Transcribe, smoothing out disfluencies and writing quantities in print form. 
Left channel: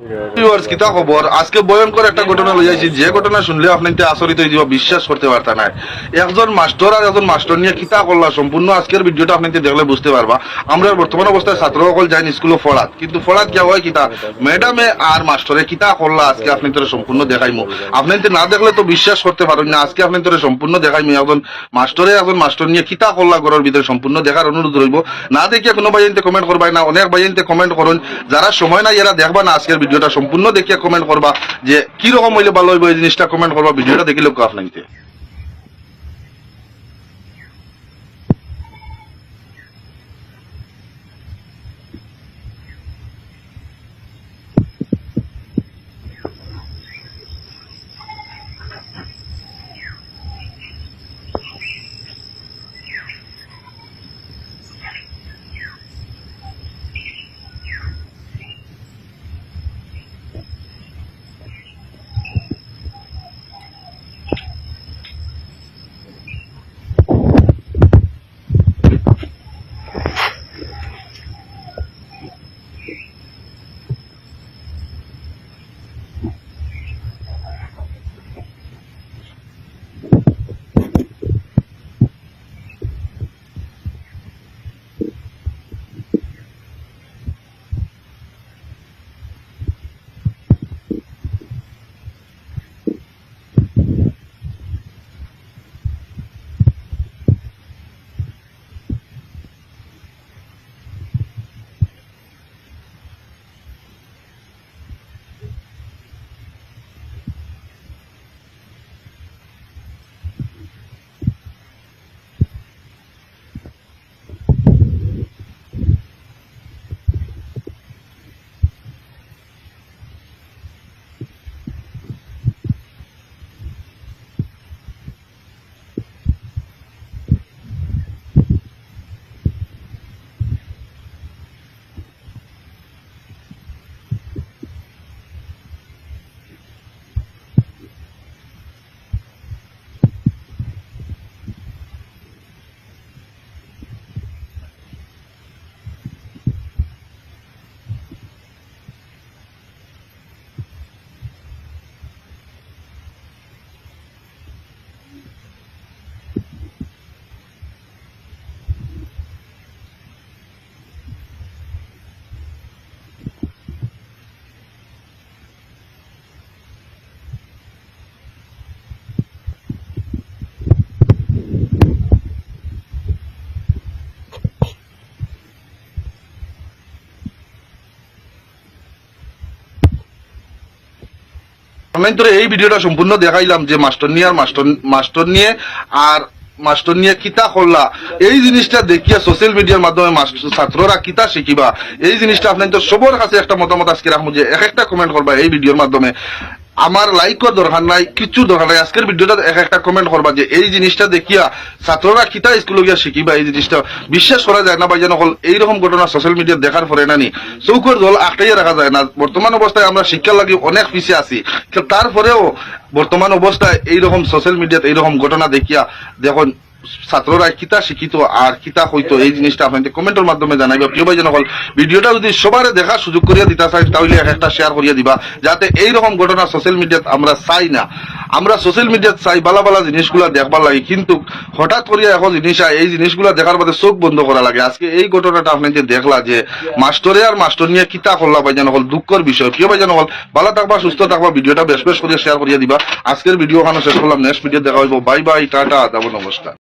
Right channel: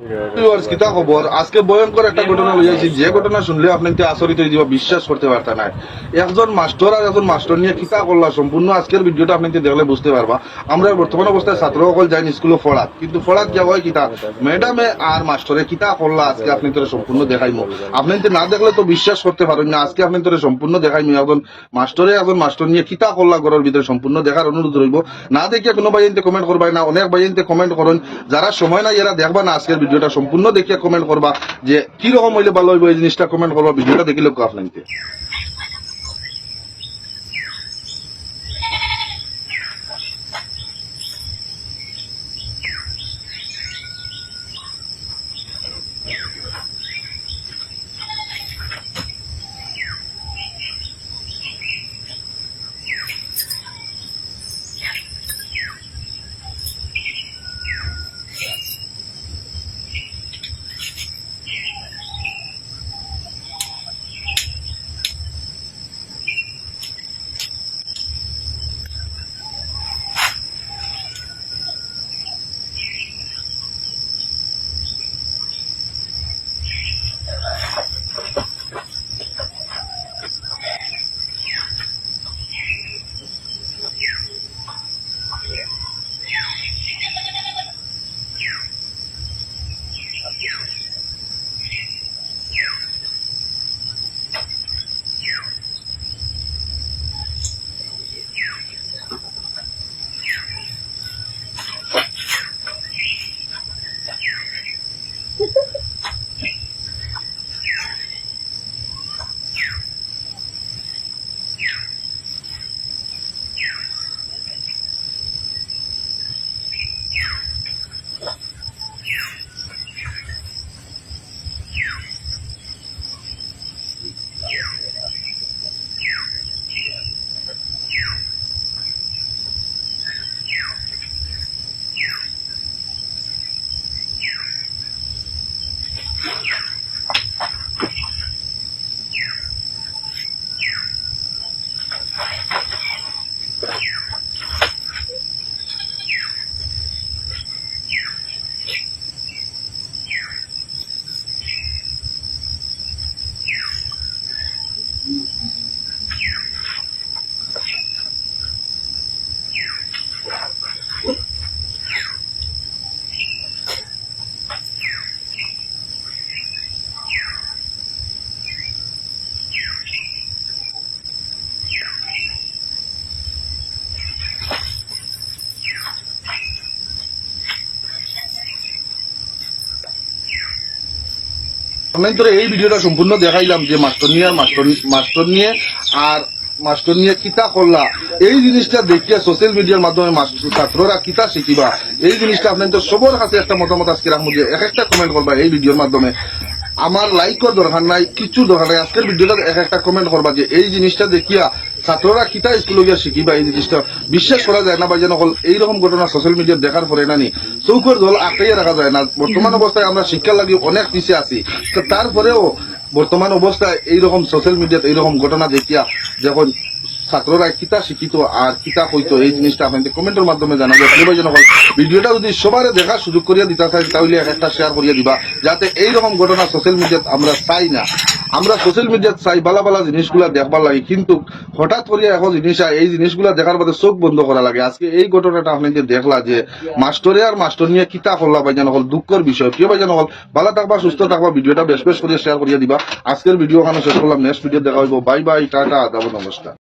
Viewers কিতা খবর আজকে ভয়ঙ্কর একটা ঘটনা লইয়াছি যে ঘটনা শুনলে আপনি আচরিত হয়ে যাবে বিশ্বাস করতে পারতা না একজন মাস্টার আর একজন মাস্টার নিয়ে কিতা করলা সম্পূর্ণ আজকের ভিডিওটা আপনি দেখলে বুঝতে পারবা আমরা বর্তমান অবস্থায় ছাত্র সকল যাই স্কুলে পড়াত কিন্তু পড়াত কি হয় কিতা ম্যাডামে আর মাস্টারে কিতা করলা আজকে আপনি তোরে সম্পূর্ণ দেখাইমু আপনি না দেখলে তো বিশ্বাস করতে পারেন না আজকে আপনি তোরে সম্পূর্ণ দেখাইমু একজন মাস্টার নিয়ে কিতা করলা ঘরের ভিতরে সম্পূর্ণ দেখার অনুরোধ রইব না দেখিয়া কোনো ভাইতে কমেন্ট করবাই না অনেক ভাইতে কমেন্ট করুন যারা সময় নাই এরা দেখবা না আজকের ভিডিওটা সম্পূর্ণ দেখিয়া কমেন্ট করবা যে কি রকম হইলে ভালো হইব এই জিনিসটা কমেন্ট করবা ভিডিওটা দেখিলে আপনাকে এই ভিডিওটা সম্পূর্ণ দেখাইলাম যে মাস্টার নিয়ে কিতা করলা এই জিনিসটা দেখিয়া সোশ্যাল মিডিয়ার মাধ্যমে ছাত্ররা কিতা শিখিবা এই জিনিসটা আপনার তো সবার কাছে একটা মতামত আজকে রাখবো যে এক একটা কমেন্ট করবা এই ভিডিওর মাধ্যমে আমার লাইক করার দরকার নাই কিছু দরকার নাই আজকের ভিডিওটা এক একটা কমেন্ট করবা যে এই জিনিসটা দেখিয়া ছাত্ররা কিতা স্কুলে গিয়া শিখিবা এই জিনিসটা বিশ্বাস করা যায় না ভাইজান হল এইরকম ঘটনা সোশ্যাল মিডিয়া দেখার পরে নানি চৌকর দল আটকাইয়া রাখা যায় না বর্তমান অবস্থায় আমরা শিক্ষার লাগি অনেক পিছিয়ে আছি তারপরেও বর্তমান অবস্থায় এইরকম সোশ্যাল মিডিয়াতে এইরকম ঘটনা দেখিয়া যখন ছাত্ররা কিতা শিখিত আর কিতা হইতো এই জিনিসটা আপনাদের কমেন্টের মাধ্যমে জানাইবে প্রিয় ভাইজান হল ভিডিওটা যদি সবারে দেখার সুযোগ করিয়া দিতে চাই তাহলে একটা শেয়ার করিয়া দিবা যাতে এইরকম ঘটনা সোশ্যাল মিডিয়াত আমরা চাই না আমরা সোশ্যাল মিডিয়াত চাই বালা বালা জিনিসগুলা দেখবার লাগে কিন্তু হঠাৎ করিয়া এখন জিনিস এই জিনিসগুলা দেখার বাদে চোখ বন্ধ করা লাগে আজকে এই ঘটনাটা আপনাদের দেখলা যে মাস্টারে আর মাস্টার নিয়ে কিতা করলা ভাইজান হল দুঃখের বিষয় প্রিয় ভাইজান হল ভালো থাকবা সুস্থ থাকবা ভিডিওটা বেশ বেশ করিয়া শেয়ার করিয়া দিবা আজকের ভিডিও ওখানে শেষ করলাম নেক্সট ভিডিও দেখা হইব বাই বাই টাটা যাব নমস্কার।